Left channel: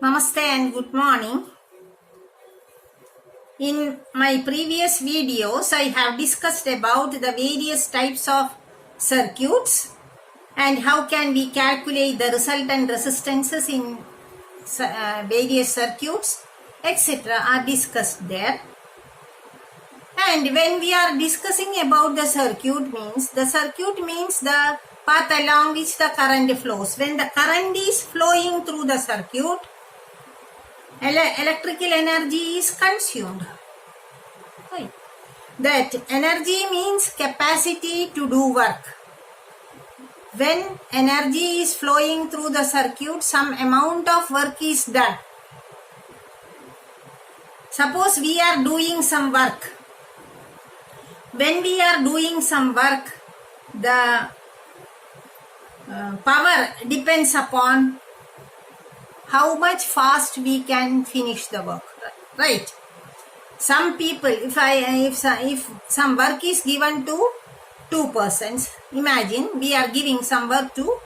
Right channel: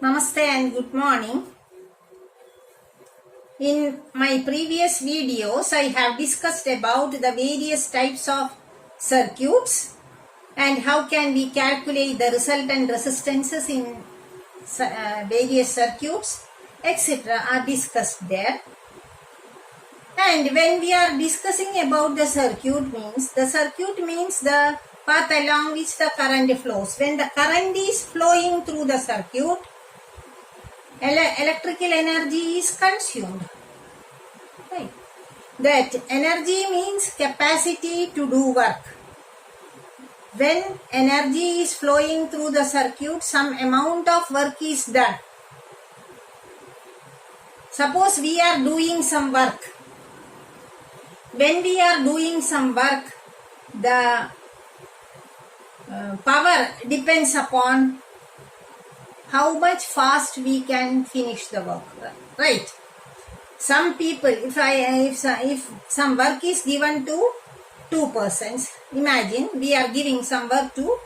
Namaste and good morning. In my previous videos, I have discussed about the various types of circuits and how can we calculate the resultant resistances in various circuits, etc. are discussed there. And when we are discussing about the circuit means the path along which the current flows. When the current is flowing through the circuit, electrical energy is consumed. Right. That energy means capacity to do work. When energy is flowing through the circuit, some amount of work is done. Suppose we are doing some work. When we are doing some work, the power depends upon how much fast we can finish the work, right? Some people, if some work is given to 2 persons, imagine we are giving some work to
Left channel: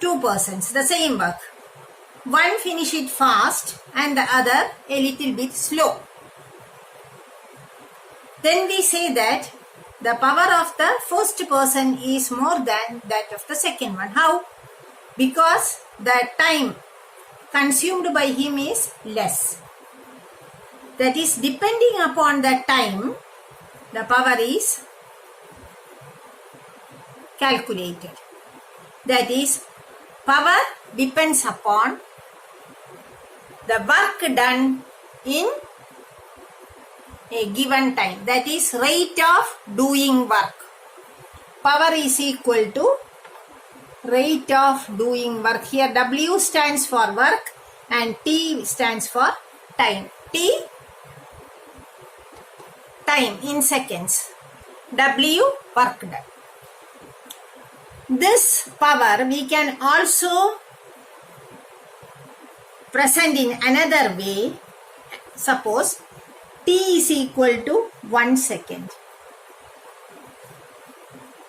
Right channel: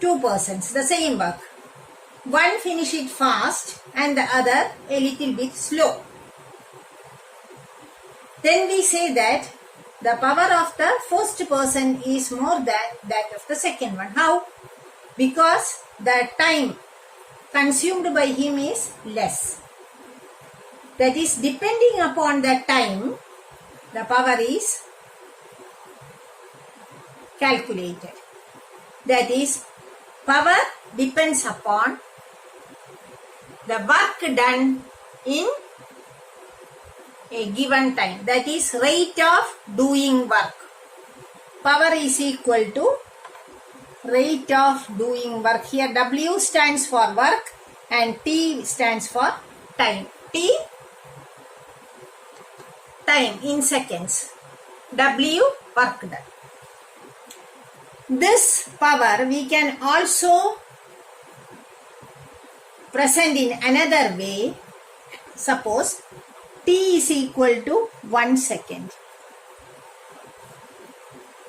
2 persons, the same work. One finish it fast and the other a little bit slow. Then we say that the power of the first person is more than that of the second one. How? Because the time consumed by him is less. That is, depending upon the time, the power is calculated. That is, power depends upon the work done in a given time. That is, rate of doing work. Power is equal to rate of doing work. Here W stands for work and T stands for time. T, time in seconds. W, work done. This power we can also present in another way. Suppose T is equal to 1 second.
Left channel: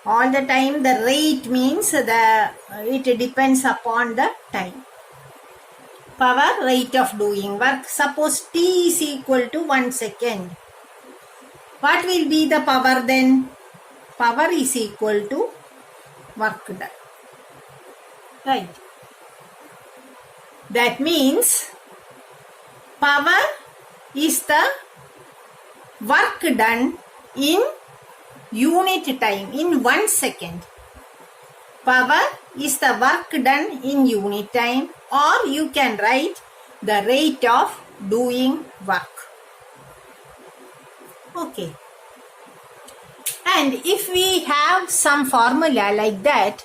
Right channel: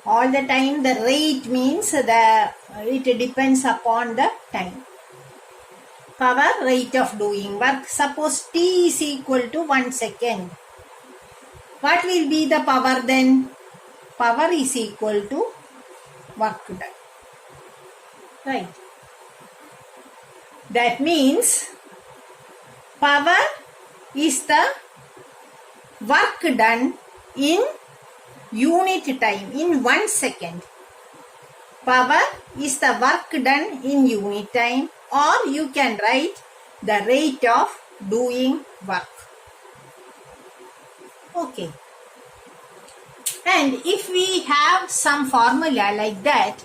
All the time the rate means it depends upon the time. Power, rate of doing work. Suppose T is equal to 1 second. What will be the power then? Power is equal to work done. Right. That means power is the work done in unit time, in 1 second. Power is the work done in unit time, or you can write the rate of doing work. Okay. And if we have some formula like that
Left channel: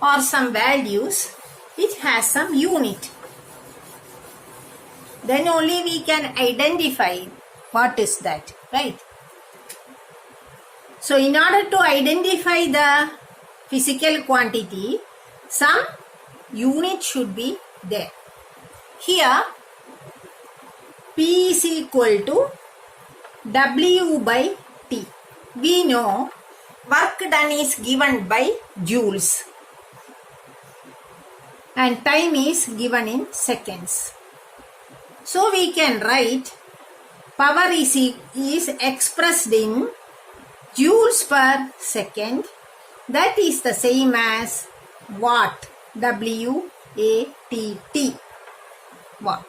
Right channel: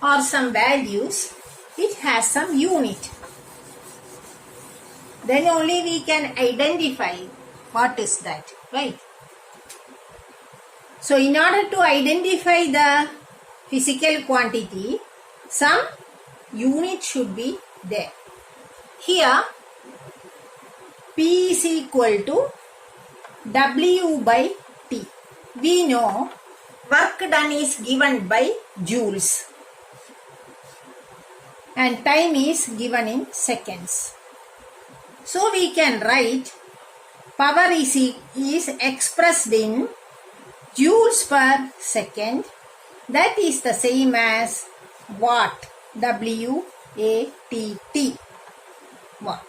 or some values, it has some unit. Then only we can identify what is that, right? So in order to identify the physical quantity, some unit should be there. Here, P is equal to W by T. We know work done is given by joules and time is given in seconds. So we can write power is expressed in joules per second. That is the same as watt. W-A-T-T. Watt.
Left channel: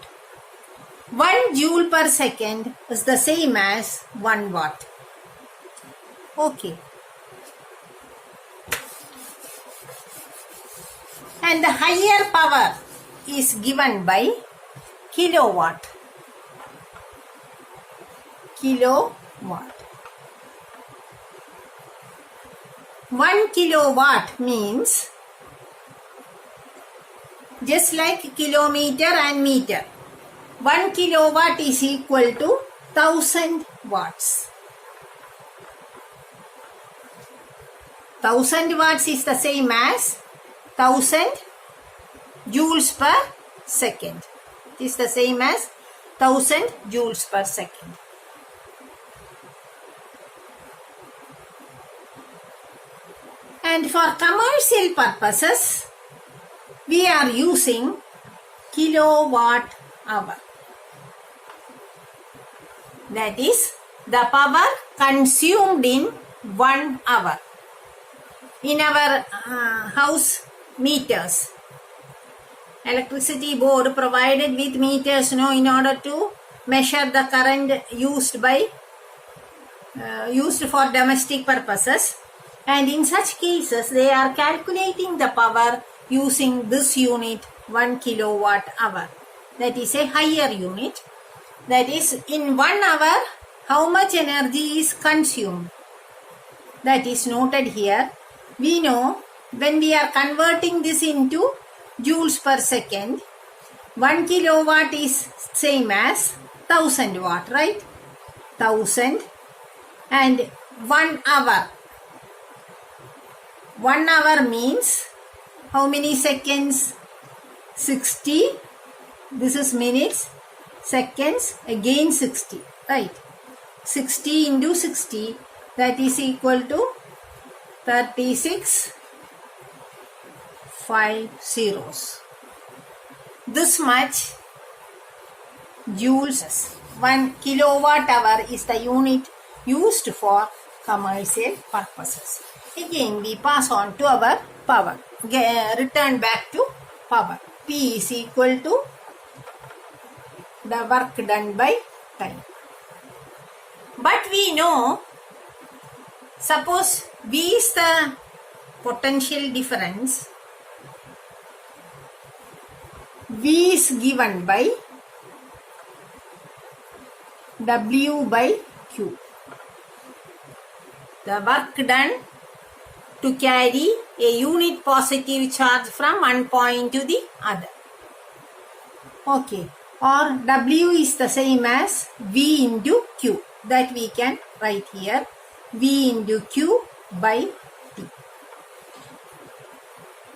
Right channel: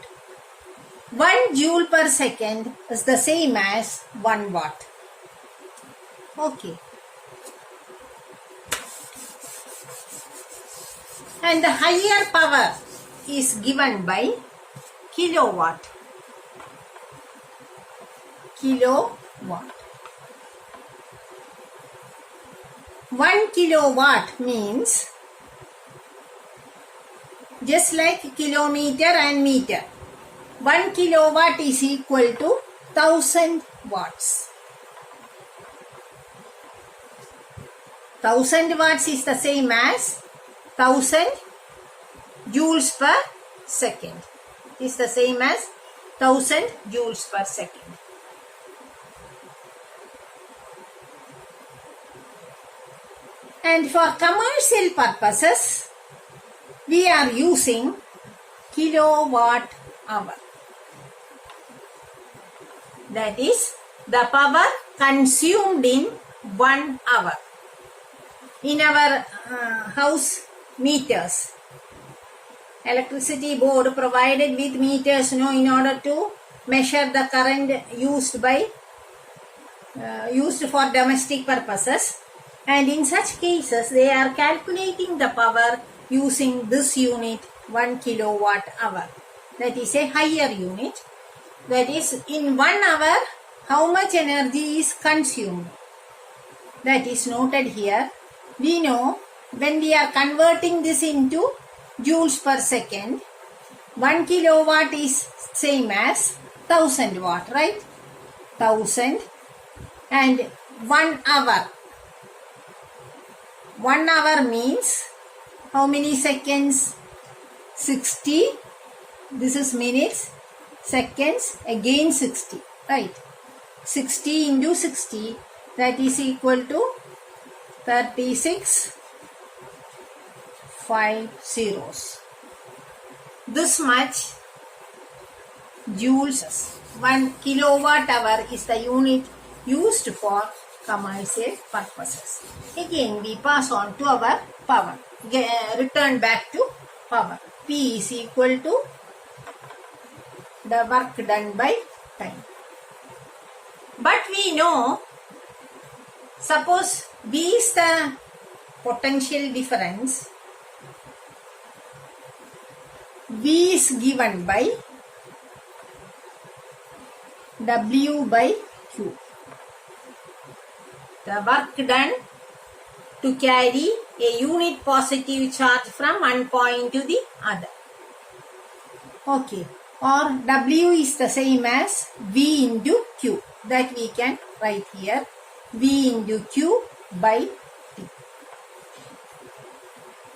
1 joule per second is the same as 1 watt. Okay. And the higher power is given by kilowatt. Kilowatt. 1 kilowatt means just like kilometer and meter. 1 kilowatt is equal to 1000 watts. 1000 watts is the same as 1000 joules per second. It is the same as 1000 joules per second. And for commercial purposes, we are using kilowatt hour. That is the power consumed in 1 hour. In our house meters, electricity board provided with meters in order to measure the current used for domestic purposes, and in such cases they are calculating the power using this unit 1 kilowatt hour. That is a higher unit. That is, in 1 hour how much energy is consumed. That is noted here. We know when we are converting this into joules per second, 1 kilowatt is same as 1000 watt, right? 1000, and 1 hour. 1 hour means how many seconds? 60. This is minutes. Seconds, again 60, right? 60 into 60, that is equal to 36 5 zeros. This much joules. 1 kilowatt hour is the unit used for commercial purposes. Again we pass on to our power. Return back to power. P is equal to the work done by time. But we know, suppose V is the potential difference. V is given by W by Q. The work done to carry a unit positive charge from one point to the other. Okay. Or W is the same as V into Q. That we can write here. V into Q by T.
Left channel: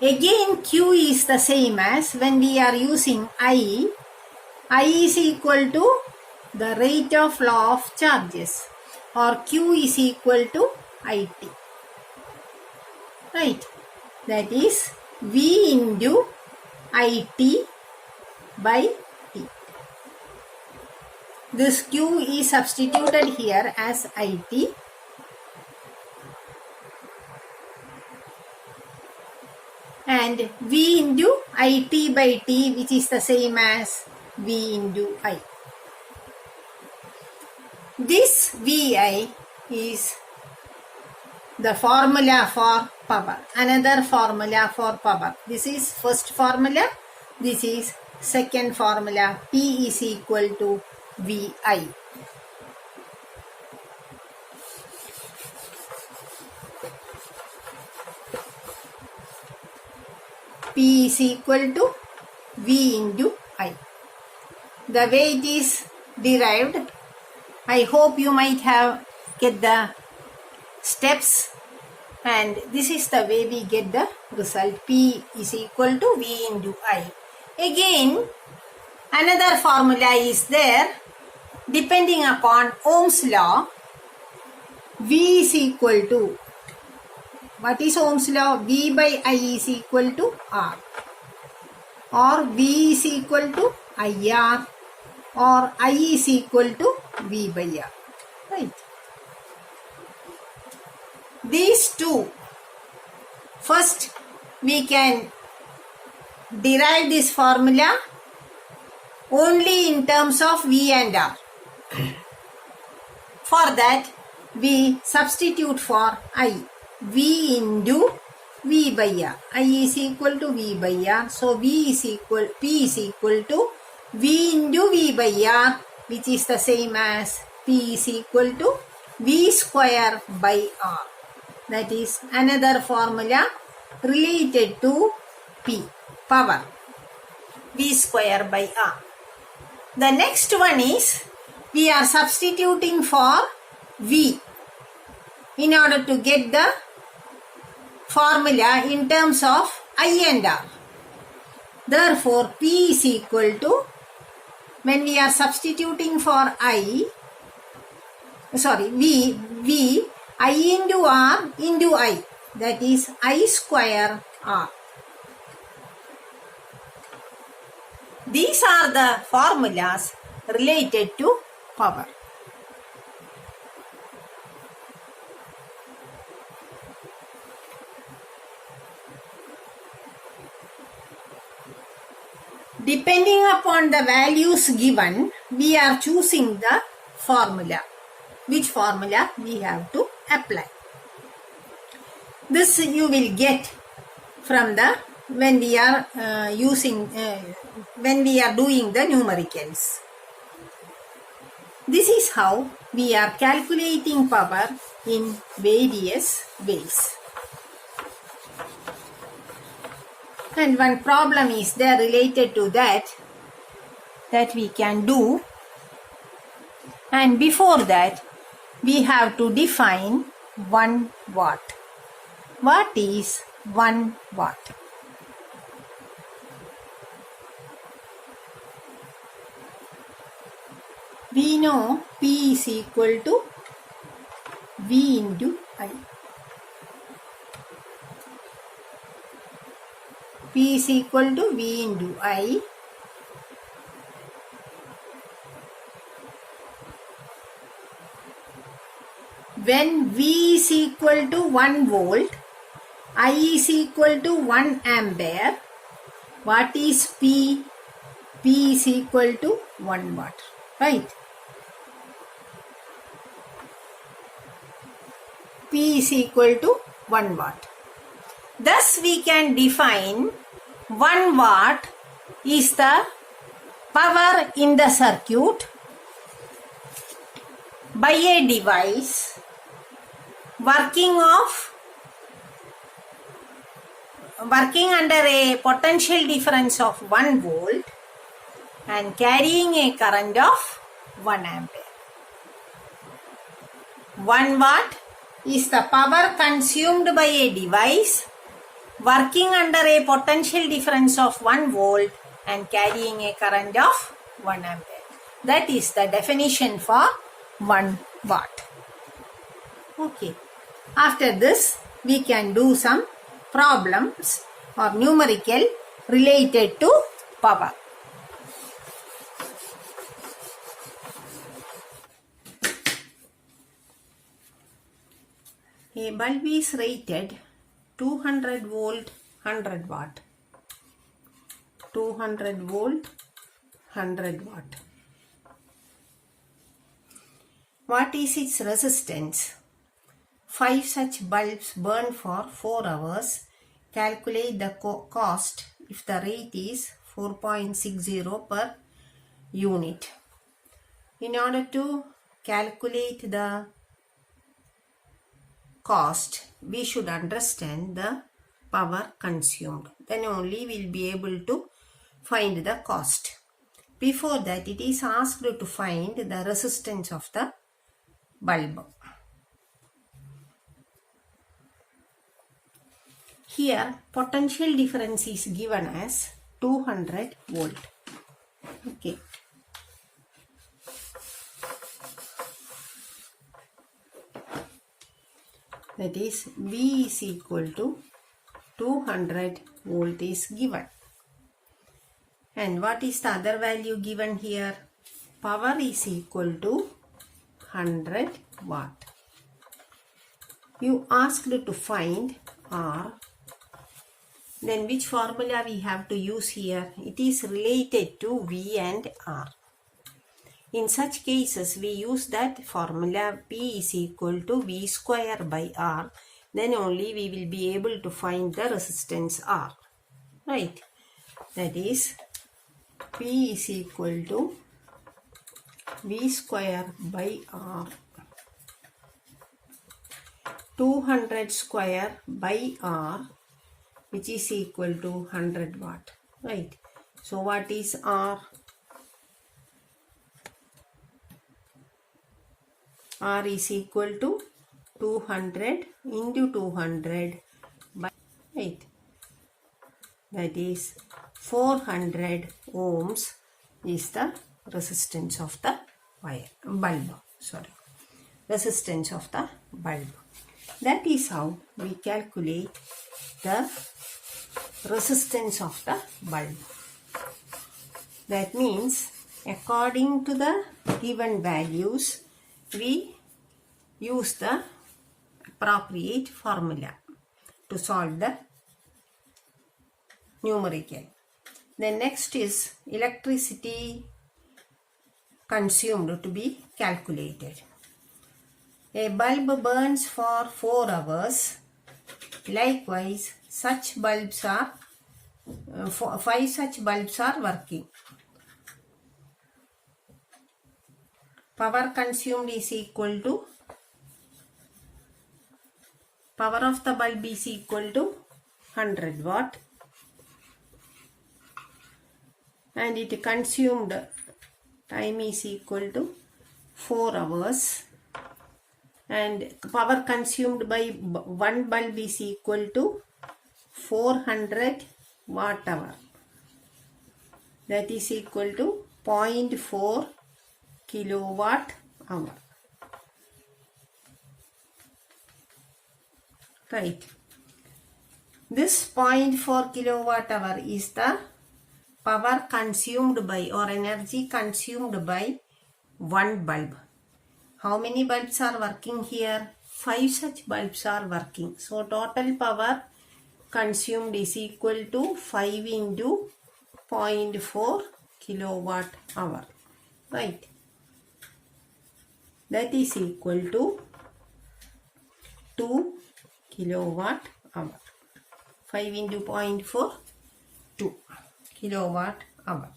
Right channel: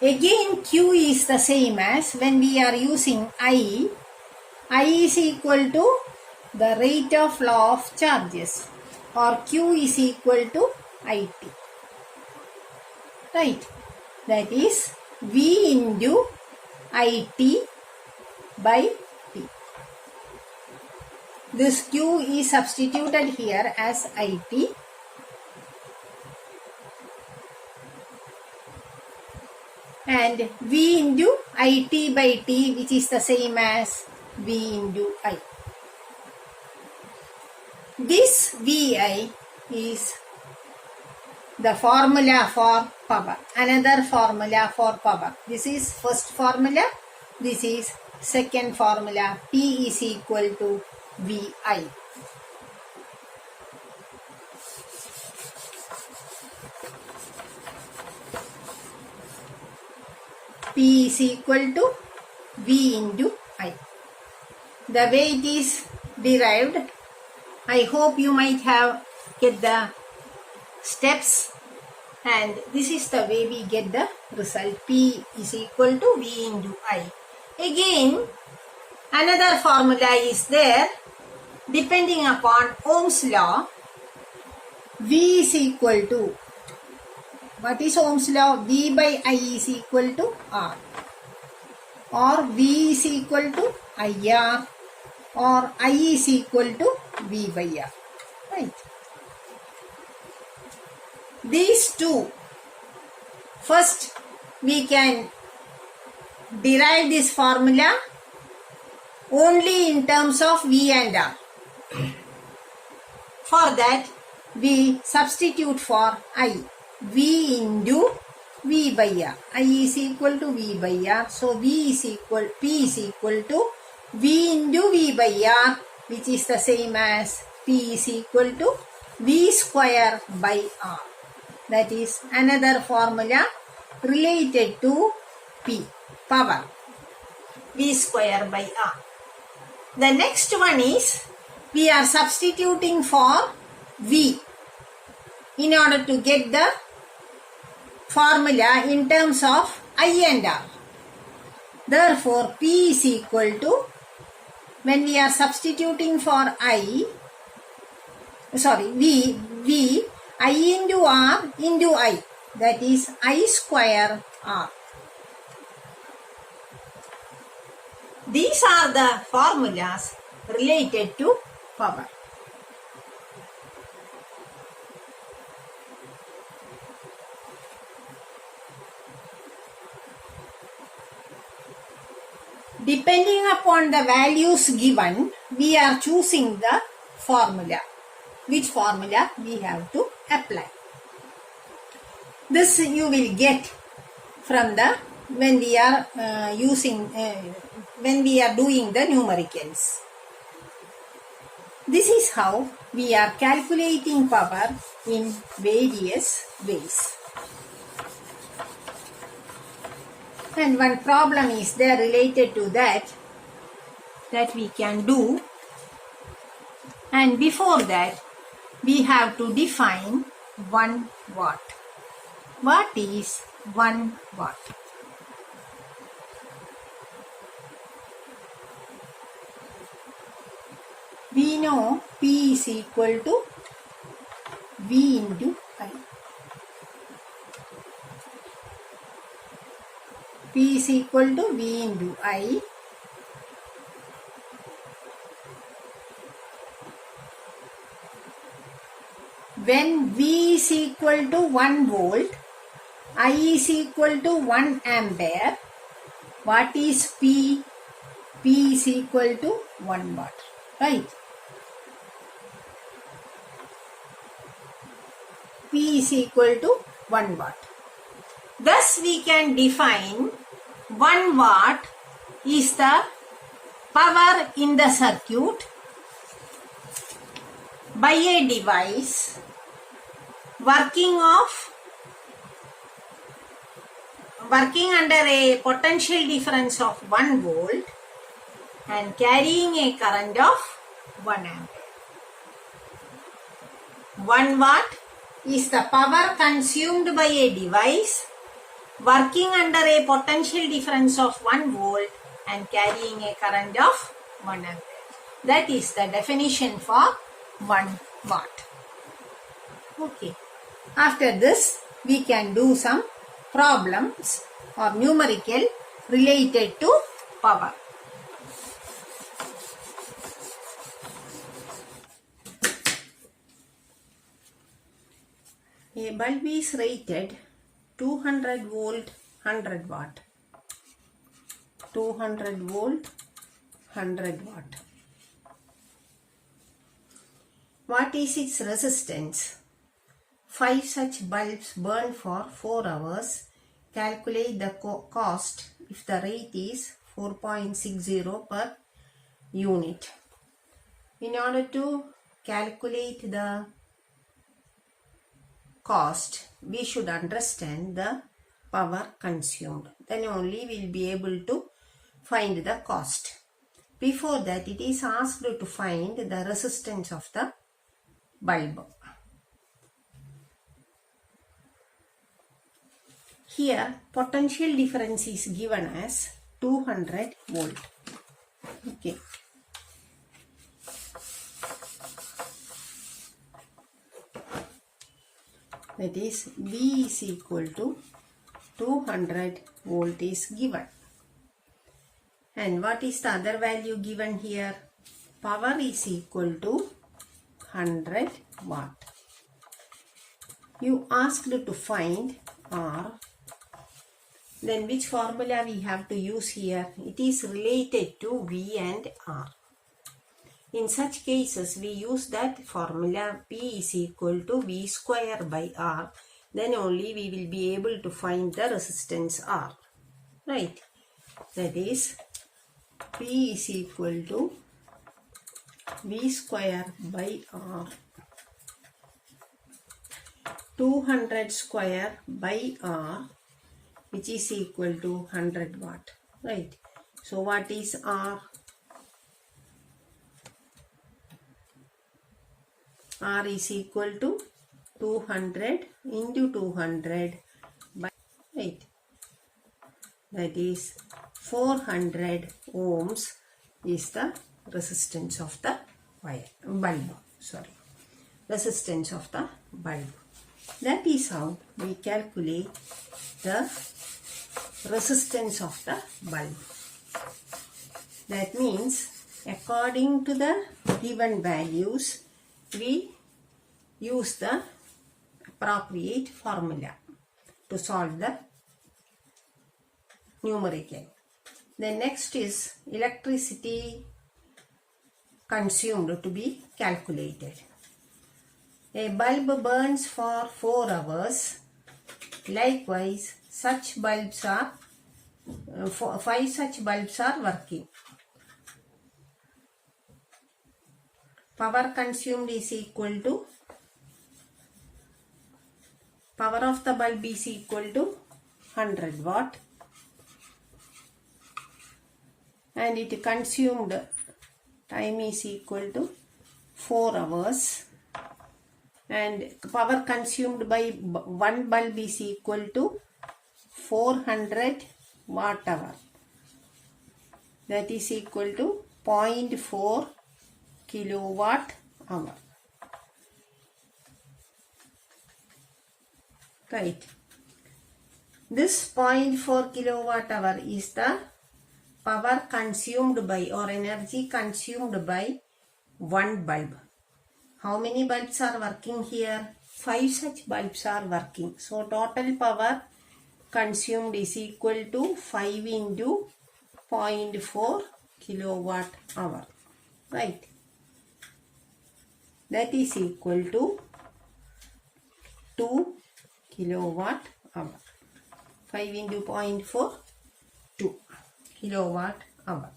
Again Q is the same as when we are using I. I is equal to the rate of flow of charges. Or Q is equal to IT. Right. That is V into IT by T. This Q is substituted here as IT. And V into IT by T, which is the same as V into I. This VI is the formula for power. Another formula for power. This is first formula. This is second formula. P is equal to VI. P is equal to V into I. The way it is derived, I hope you might have get the steps, and this is the way we get the result. P is equal to V into I. Again, another formula is there. Depending upon Ohm's law, V is equal to, what is Ohm's law? V by I is equal to R. Or V is equal to IR. Or I is equal to V by R. Right. These two, first we can derive this formula only in terms of V and R. For that, we substitute for I. V into V by R. I is equal to V by R. So, P is equal to V into V by R, which is the same as P is equal to V square by R. That is another formula related to P, power. V square by R. The next one is, we are substituting for V in order to get the formula in terms of I and R. Therefore, P is equal to, when we are substituting for V, I into R into I. That is I square R. These are the formulas related to power. Depending upon the values given, we are choosing the formula. Which formula we have to apply. This you will get from the when we are doing the numericals. This is how we are calculating power in various ways. And one problem is there related to that we can do. And before that, we have to define 1 watt. What is 1 watt? We know P is equal to V into I. P is equal to V into I. When V is equal to 1 volt, I is equal to 1 ampere, what is P? P is equal to 1 watt, right? P is equal to 1 watt. Thus we can define 1 watt is the power in the circuit by a device working under a potential difference of 1 volt and carrying a current of 1 ampere. 1 watt is the power consumed by a device working under a potential difference of 1 volt and carrying a current of 1 ampere. That is the definition for 1 watt. Okay. After this, we can do some problems or numerical related to power. A bulb is rated 200 volt 100 watt. 200 volt 100 watt. What is its resistance? 5 such bulbs burn for 4 hours. Calculate the cost if the rate is 4.60 per unit. In order to calculate the cost, we should understand the power consumed. Then only we will be able to find the cost. Before that, it is asked to find the resistance of the bulb. Here, potential difference is given as 200 volt. Okay. That is, V is equal to 200 volt is given. And what is the other value given here? Power is equal to 100 watt. You asked to find R. Then which formula we have to use here? It is related to V and R. In such cases, we use that formula P is equal to V square by R. Then only we will be able to find the resistance R. Right? That is, P is equal to V square by R. 200 square by R, which is equal to 100 watt. Right? So what is R? R is equal to 200 into 200 by 8. That is 400 ohms is the resistance of the bulb. Resistance of the bulb. That is how we calculate the resistance of the bulb. That means according to the given values, we use the appropriate formula to solve the numerical. The next is electricity consumed to be calculated. A bulb burns for 4 hours. Likewise, such bulbs are 5 such bulbs are working. Power consumed is equal to power of the bulb is equal to 100 watt, and it consumed time is equal to 4 hours, and power consumed by one bulb is equal to 400 watt hour. That is equal to 0.4 kilowatt hour. Right. This 0.4 kilowatt hour is the power consumed by or energy consumed by one bulb. How many bulbs are working here? 5 such bulbs are working. So total power consumed is equal to 5 into 0.4 kilowatt hour. Right. That is equal to 2 kilowatt hour. 5 into 0.4, 2 kilowatt hour.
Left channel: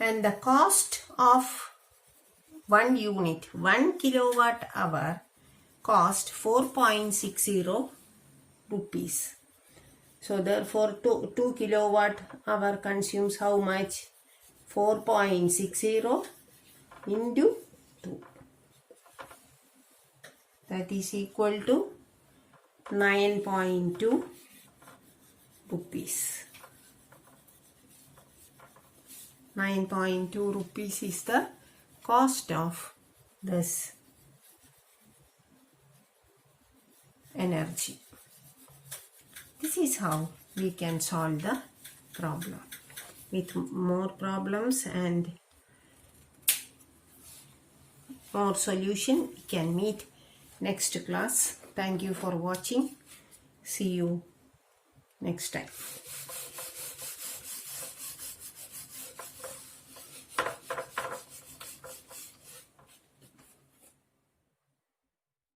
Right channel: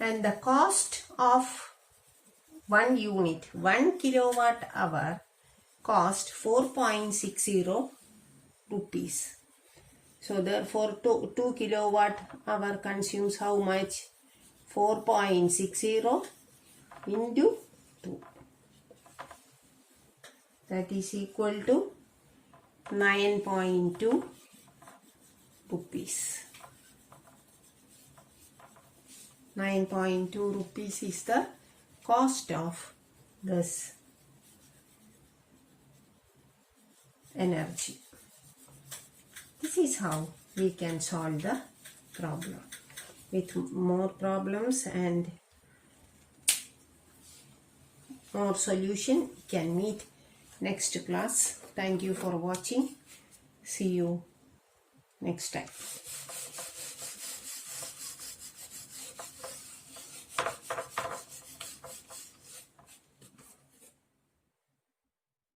And the cost of 1 unit, 1 kilowatt hour cost 4.60 rupees. So therefore 2 kilowatt hour consumes how much? 4.60 into 2. That is equal to 9.2 rupees. 9.2 rupees is the cost of this energy. This is how we can solve the problem. With more problems and more solution, we can meet next class. Thank you for watching. See you next time.